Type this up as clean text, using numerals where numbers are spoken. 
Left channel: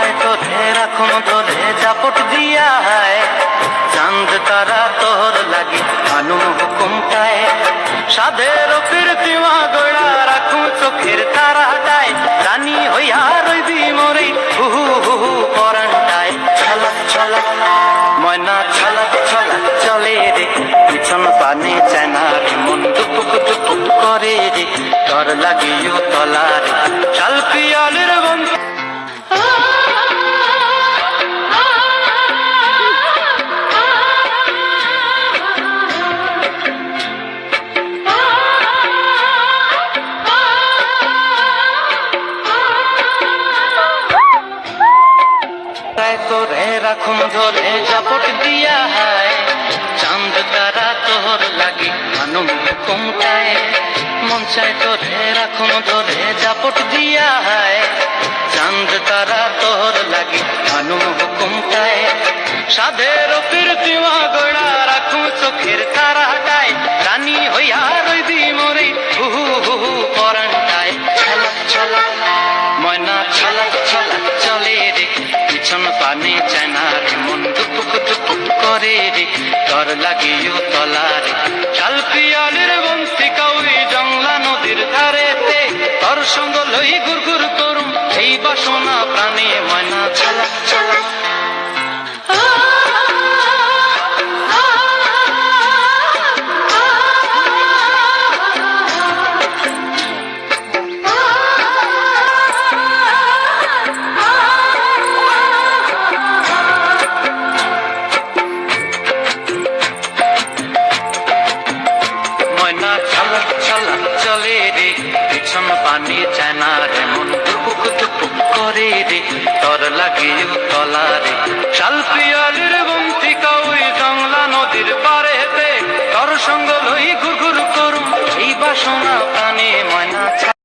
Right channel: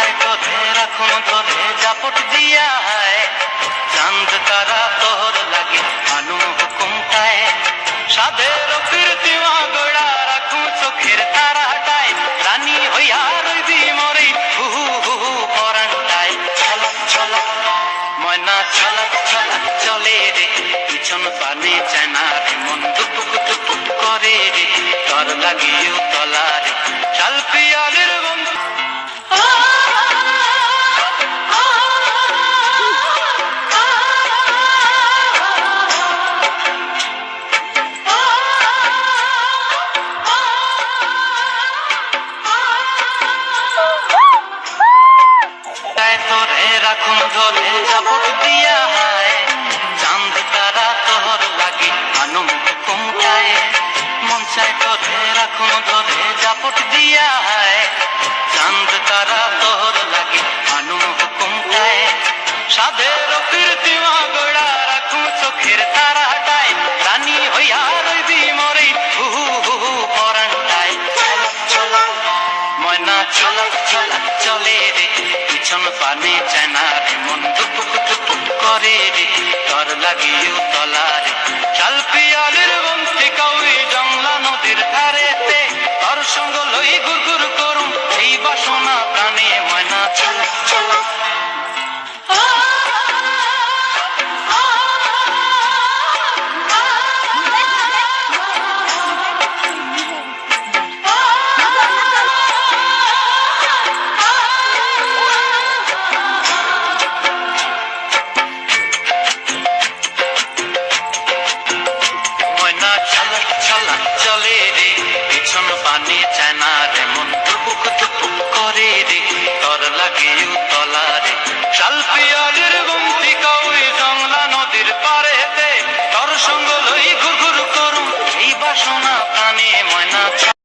চাই তোরে রাখুন ধরে জাপট দিয়া হায় চাঁদ তারা তোর লাগে আনুম হুকুমটায় সাধের ফিরতি মাগড়া রাখুন চোখের তারাটায় রানী হইয়া রইবি মরে হুহু হুহু পরানটায় ছলক ছলক ময়না ছলক ছলক চলে রে পিছন পানে চেনা রে মন দুপুক দুপুক করে রে তোর লাগিও তলারে শাল পিয়ালের বন্ধু তোরে রাখুন ধরে জাপট দিয়া হায় চাঁদ তারা তোর লাগে আনুম হুকুমটায় মন চায় তোরে রাখুন ধরে জাপট দিয়া হায় চাঁদ তারা তোর লাগে আনুম হুকুমটায় সাধের ফিরতি মাগড়া রাখুন চোখের তারাটায় রানী হইয়া রইবি মরে হুহু হুহু পরানটায় ছলক ছলক ময়না ছলক ছলক চলে রে পিছন পানে চেনা রে মন দুপুক দুপুক করে রে তোর লাগিও তলারে শাল পিয়ালের বংশী কাউরি জংলা নদীর ধারেতে তোর সঙ্গ লই গুর গুর করুম এই বাসনা প্রাণে ময়না ছলক ছলক চলে রে পিছন পানি চেনা রে মন দুপুক দুপুক করে রে তোর লাগিও তলারে শাল পিয়ালের বংশী কাউই জংলা নদীর পারেতে তোর সঙ্গ লই